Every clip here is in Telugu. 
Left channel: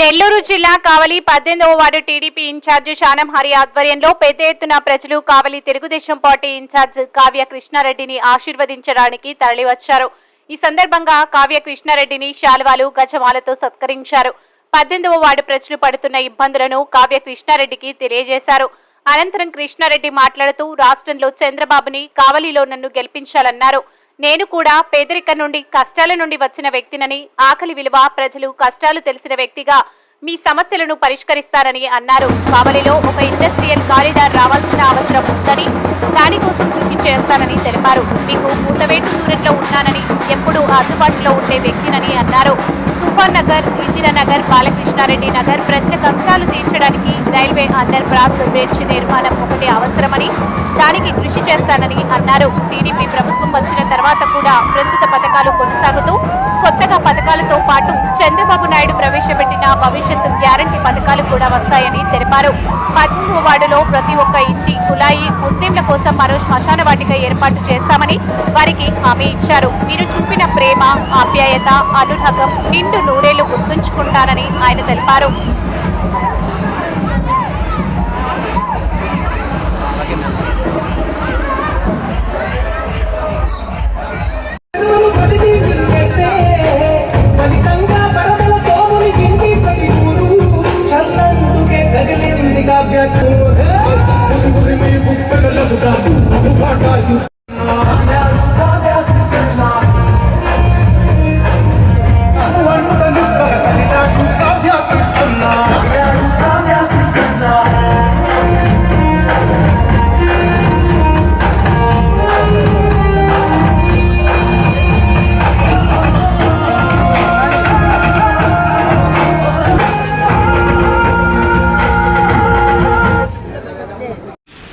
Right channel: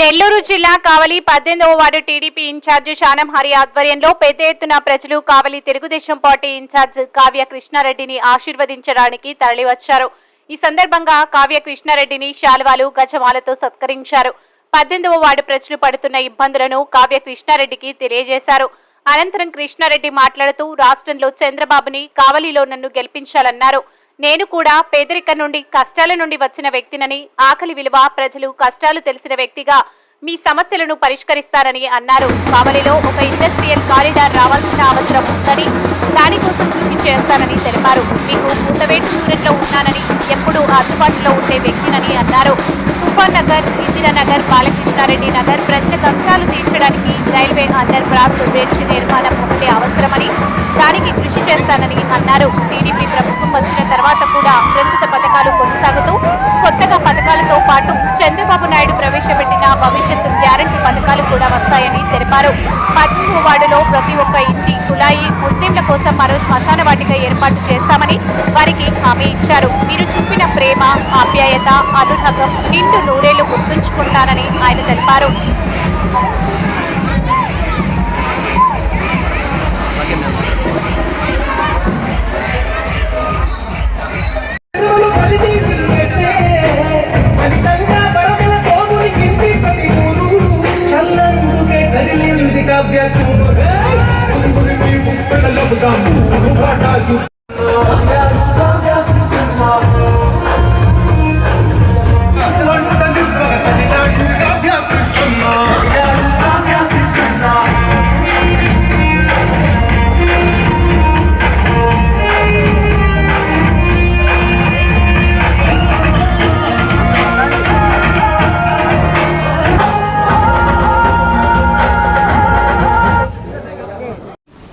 నెల్లూరు జిల్లా కావలి 18వ వార్డు టీడీపీ ఇన్ఛార్జ్ శానం హరి ఆధ్వర్యంలో పెద్ద ఎత్తున ప్రజలు కావలి తెలుగుదేశం పార్టీ ఇన్ఛార్జ్ కావ్య కృష్ణారెడ్డిని ఆశీర్వదించడానికి తరలివచ్చారు. ఈ సందర్భంగా కావ్య కృష్ణారెడ్డిని శాలువాలు గజమాలతో సత్కరించారు. 18వ వార్డు ప్రజలు పడుతున్న ఇబ్బందులను కావ్య కృష్ణారెడ్డికి తెలియజేశారు. అనంతరం కృష్ణారెడ్డి మాట్లాడుతూ రాష్ట్రంలో చంద్రబాబుని కావలిలో నన్ను గెలిపించాలన్నారు. నేను కూడా పేదరికం నుండి కష్టాల నుండి వచ్చిన వ్యక్తినని, ఆకలి విలువ, ప్రజలు కష్టాలు తెలిసిన వ్యక్తిగా మీ సమస్యలను పరిష్కరిస్తారని అన్నారు. కావలిలో ఒక ఇండస్ట్రియల్ కారిడార్ రావాల్సిన అవసరం ఉందని, దానికోసం కృషి చేస్తానని తెలిపారు. మీకు కూతవేటు దూరంలో ఉన్నానని, ఎప్పుడూ అందుబాటులో ఉండే వ్యక్తినని అన్నారు. తుఫాన్ నగర్, ఇందిరానగర్, బాలకృష్ణారెడ్డి నగర్ ప్రజల కష్టాలు తీర్చడానికి రైల్వే అండర్ బ్రాస్ బ్రిడ్జ్ నిర్మాణం ఒకటి అవసరమని, దానికి కృషి చేస్తానని అన్నారు. టీడీపీ ప్రభుత్వం వచ్చిన తర్వాత కూడా ప్రస్తుత పథకాలు కొనసాగుతూ కొత్తగా పథకాలతో పాటు చంద్రబాబు నాయుడు ప్రవేశపెట్టిన భవిష్యత్తు గ్యారంటీ పథకాలు కూడా వస్తాయని తెలిపారు. 18వ వార్డులో ప్రతి ఒక్క ఇంటి కులాయి ముస్లింల కోసం మరో శ్మశాన వాటిక ఏర్పాటు చేస్తామని వారికి హామీ ఇచ్చారు. మీరు చూపిన ప్రేమ, ఆప్యాయత, అనురాగం నిండు నూరేళ్లు గుర్తుంచుకుంటానని ఆయన తెలిపారు.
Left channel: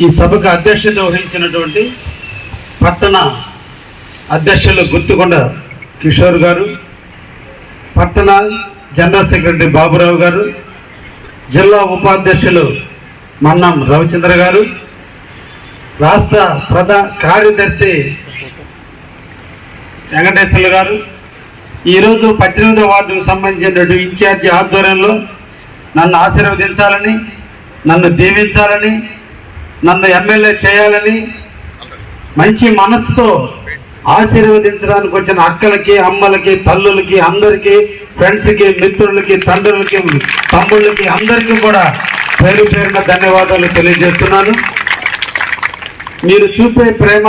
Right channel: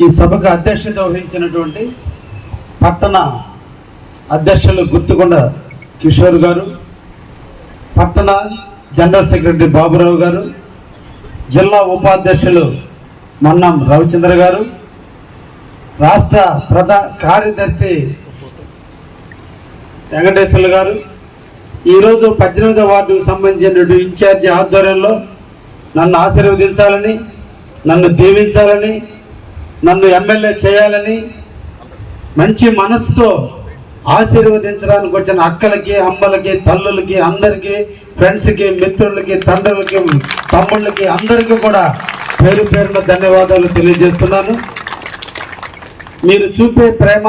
ఈ సభకు అధ్యక్షత వహించినటువంటి పట్టణ అధ్యక్షులు గుత్తుకొండ కిషోర్ గారు, పట్టణ జనరల్ సెక్రటరీ బాబురావు గారు, జిల్లా ఉపాధ్యక్షులు మన్నం రవిచంద్ర గారు, రాష్ట్ర ప్రధాన కార్యదర్శి వెంకటేశ్వర్లు గారు, ఈరోజు 18వ వార్డుకు సంబంధించిన ఇన్ఛార్జి ఆధ్వర్యంలో నన్ను ఆశీర్వదించాలని, నన్ను దీవించాలని, నన్ను ఎమ్మెల్యే చేయాలని మంచి మనసుతో ఆశీర్వదించడానికి వచ్చిన అక్కలకి, అమ్మలకి, తల్లులకి, అందరికీ, ఫ్రెండ్స్కి, మిత్రులకి, తండ్రులకి, తమ్ముళ్ళకి అందరికీ కూడా పేరు పేరున ధన్యవాదాలు తెలియజేస్తున్నాను. మీరు చూపే ప్రేమ,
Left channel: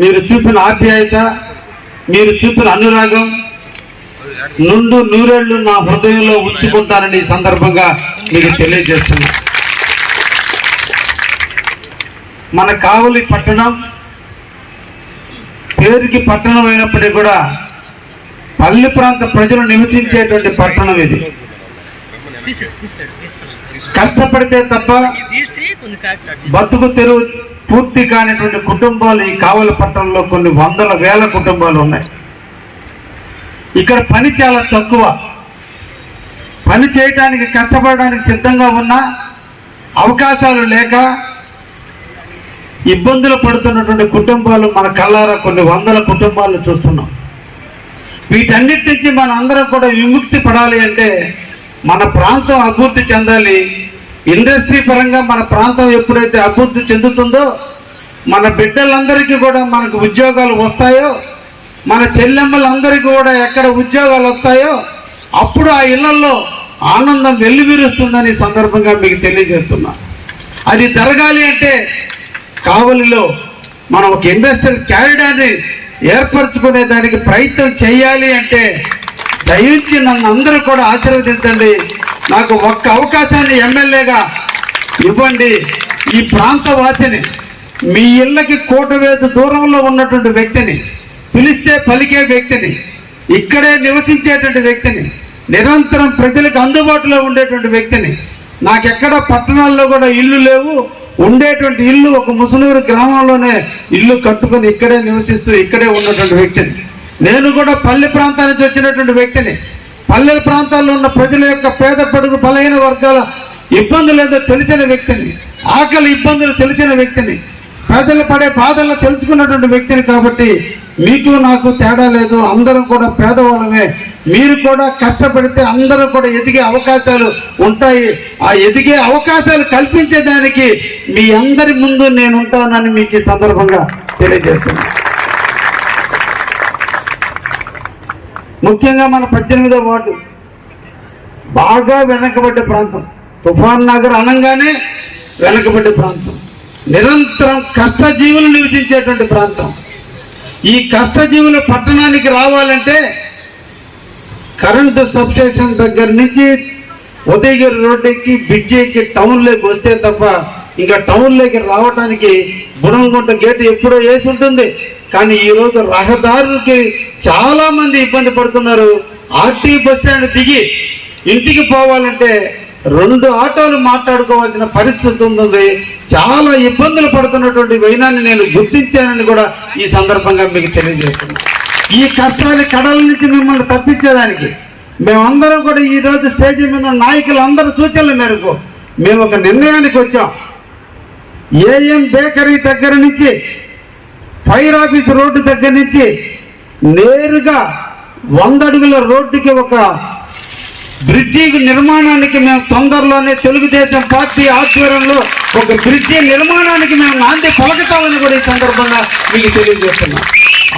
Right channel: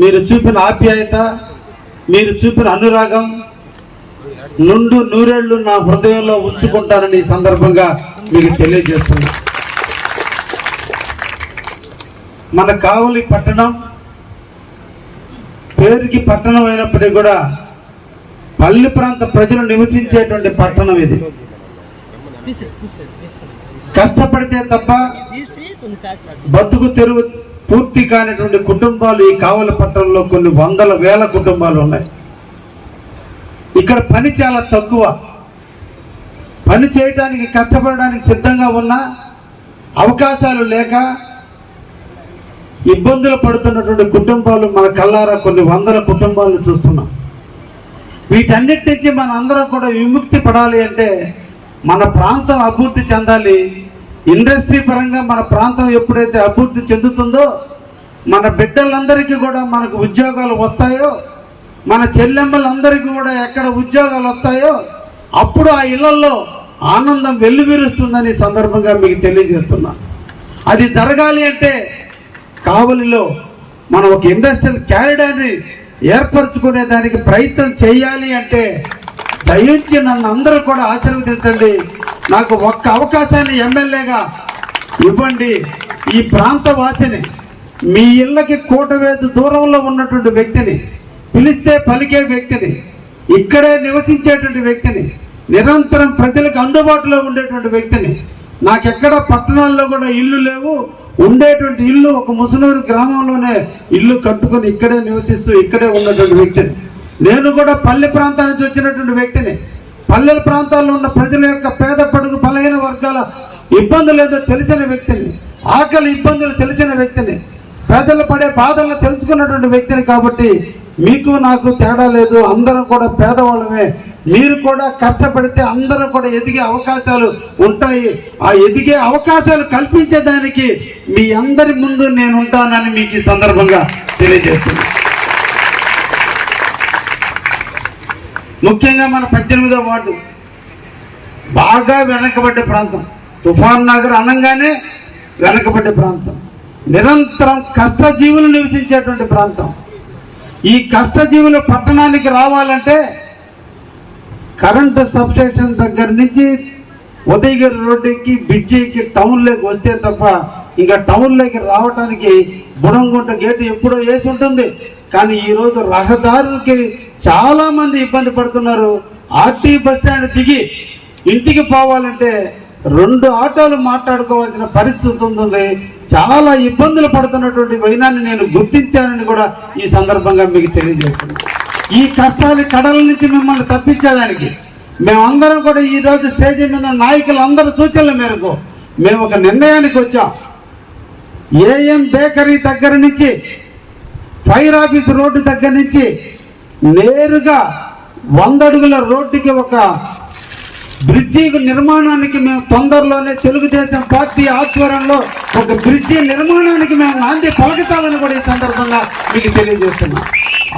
మీరు చూపిన ఆప్యాయత, మీరు చూపిన అనురాగం నుండు నూరేళ్లు నా హృదయంలో ఉంచుకుంటానని ఈ సందర్భంగా మీకు తెలియజేస్తున్నాను. మన కావలి పట్టణం పేరుకి పట్టణం అయినప్పటికీ కూడా పల్లె ప్రాంత ప్రజలు నివసించేటువంటి పట్టణం ఇది. కష్టపడితే తప్ప బతుకు తెరువు పూర్తి కానిటువంటి కుటుంబాలు ఈ కావలి పట్టణంలో కొన్ని వందల వేల కుటుంబాలు ఉన్నాయి. ఇక్కడ పని చాలా తక్కువ. పని చేయడానికి, కష్టపడడానికి సిద్ధంగా ఉన్న అవకాశాలు లేక ఇబ్బందులు పడుతున్నటువంటి కుటుంబాలు మన కళ్ళారా కొన్ని వందల కుటుంబాలను చూస్తున్నాం. వీటన్నిటి నుంచి మన అందరం కూడా విముక్తి పడాలి అంటే మన ప్రాంతం అభివృద్ధి చెందాలి. ఇండస్ట్రీ పరంగా మన ప్రాంతం ఎప్పుడైతే అభివృద్ధి చెందుతుందో మన బిడ్డలందరికీ కూడా మనకు ఉద్యోగాలు వస్తాయో, మన చెల్లెమ్మలందరికీ కూడా ఎక్కడ ఉద్యోగాలు వస్తాయో అప్పుడు ఆ ఇళ్లలో ఆనందం వెల్లివిరుస్తుందని సందర్భంగా మీకు తెలియజేస్తున్నా. అది జరగాలి అంటే కావలిలో మనం ఒక ఇండస్ట్రియల్ కారిడార్ని ఏర్పరచుకునే దానికి ప్రయత్నం చేయాలి అంటే దయించి నన్ను అందరూ కూడా ఆశీర్వదించండి. నాకు ఒక్క అవకాశాన్ని ఎమ్మెల్యేగా ఇవ్వండి. ఈ ప్రాంత వాసిని, మీ ఇళ్ళకి కోటవేదు దూరంలో ఉన్నటువంటి వ్యక్తిని, పిలిస్తే పలికే వ్యక్తిని, ఇక్కడే నివసించేటువంటి వ్యక్తిని, నిరంతరం ప్రజలకు అందుబాటులో ఉండేటువంటి వ్యక్తిని, నాకెక్కడ పట్టణాల్లో కూడా ఇల్లు లేవు, ఉండేటువంటి ఇల్లు ఒక ముసలూరు గ్రామంలోనే ఇల్లు కట్టుకుని ఇక్కడే నివసిస్తూ ఇక్కడే ఉన్నటువంటి వ్యక్తిని, నేను కూడా పల్లె ప్రాంతాల నుంచి వచ్చినటువంటి వ్యక్తిని, పల్లెల ప్రాంతాల్లో ఉన్న ప్రజల యొక్క పేద పడుగు బలహీన వర్గాల ఇబ్బందులు ఏదో తెలిసిన వ్యక్తిని, ఆకలి ఇబ్బందులు తెలిసిన వ్యక్తిని, పేదలు పడే బాధలను తెలుసుకున్నటువంటి వ్యక్తిని. కాబట్టి మీకు నాకు తేడా లేదు, అందరం కూడా పేదవాళ్ళమే. మీరు కూడా కష్టపడితే అందరూ కూడా ఎదిగే అవకాశాలు ఉంటాయి. ఆ ఎదిగే అవకాశాలు కల్పించేదానికి మీ అందరి ముందు నేను ఉంటానని మీకు ఈ సందర్భంగా తెలియజేస్తున్నాను. ముఖ్యంగా మన 18వ వార్డు బాగా వెనకబడ్డ ప్రాంతం. తుఫాన్ నగర్ అనగానే వెనకబడ్డ ప్రాంతం, నిరంతరం కష్టజీవులు నివసించేటువంటి ప్రాంతం. ఈ కష్టజీవులు పట్టణానికి రావాలంటే కరెంటు సబ్స్టేషన్ దగ్గర నుంచి ఉదయగిరి రోడ్డుకి బ్రిడ్జికి టౌన్లోకి వస్తే తప్ప ఇంకా టౌన్లోకి రావడానికి బుడంగుంట గేటు ఎప్పుడో వేసి ఉంటుంది. కానీ ఈరోజు రహదారులకి చాలా మంది ఇబ్బంది పడుతున్నారు. ఆర్టీ బస్ స్టాండ్ దిగి ఇంటికి పోవాలంటే 2 ఆటోలు మాట్లాడుకోవాల్సిన పరిస్థితి ఉంటుంది. చాలా ఇబ్బందులు పడుతున్నటువంటి వైనాన్ని నేను గుర్తించానని కూడా ఈ సందర్భంగా మీకు తెలియజేస్తున్నాను. ఈ కష్టాన్ని కడల నుంచి మిమ్మల్ని తప్పించేదానికి మేమందరం కూడా ఈరోజు స్టేజ్ మీద నాయకులు అందరూ సూచనల మేరకు మేము ఒక నిర్ణయానికి వచ్చాం. ఏఎం బేకరీ దగ్గర నుంచి ఫైర్ ఆఫీస్ రోడ్డు దగ్గర నుంచి నేరుగా 100 అడుగుల రోడ్డుకి ఒక బ్రిడ్జి నిర్మాణానికి మేము తొందరలోనే తెలుగుదేశం పార్టీ ఆధ్వర్యంలో ఒక బ్రిడ్జి నిర్మాణానికి మేము నాంది పలుకుతామని కూడా ఈ సందర్భంగా మీకు తెలియజేస్తున్నాం.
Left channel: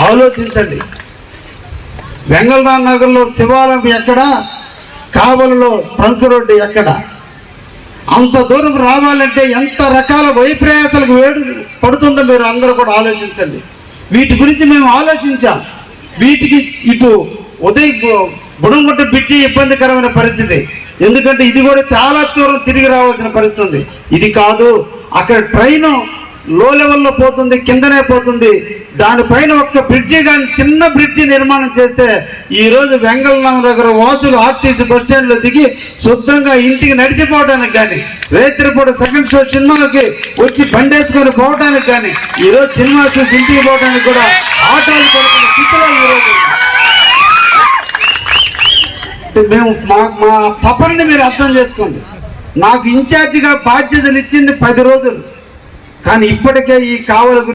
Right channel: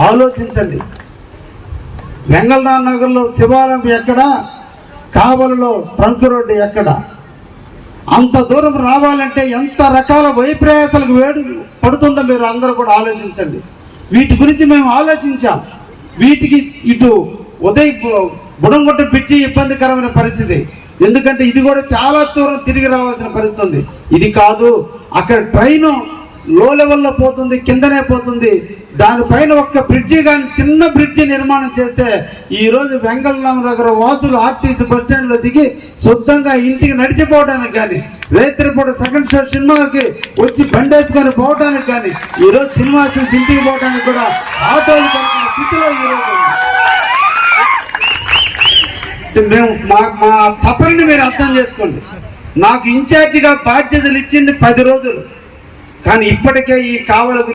ఆలోచించండి, వెంగళరావు నగర్లో శివాలయం ఎక్కడ, కావలిలో ట్రంక్ రోడ్డు ఎక్కడ? అంత దూరం రావాలంటే ఎంత రకాల వైప్రయాసాలకు వేడు పడుతుందో మీరు అందరూ కూడా ఆలోచించండి. వీటి గురించి మేము ఆలోచించాం. వీటికి ఇటు బుడంగుట్ట బ్రిడ్జి ఇబ్బందికరమైన పరిస్థితి, ఎందుకంటే ఇది కూడా చాలా దూరం తిరిగి రావాల్సిన పరిస్థితి ఉంది. ఇది కాదు, అక్కడ ట్రైన్ లో లెవెల్లో పోతుంది, కిందనే పోతుంది. దానిపైన ఒక్క బ్రిడ్జి కానీ చిన్న బ్రిడ్జి నిర్మాణం చేస్తే ఈరోజు వెంగళరావు దగ్గర వాసులు ఆర్టీసీ బస్ స్టాండ్లో దిగి శుద్ధంగా ఇంటికి నడిచిపోవడానికి కానీ, రేత్రిపూట సెకండ్ షో సినిమాకి వచ్చి బండేసుకొని పోవడానికి కానీ, ఈరోజు సినిమా చూసి ఇంటికి పోవడానికి కూడా ఆటోలు కొనుక్కున్న స్థితిలో ఈరోజు మేము మా తపనని మీరు అర్థం చేసుకోండి. నాకు ఇన్ఛార్జిగా బాధ్యతలు ఇచ్చింది 10 రోజులు, కానీ ఇప్పటికే ఈ కావలి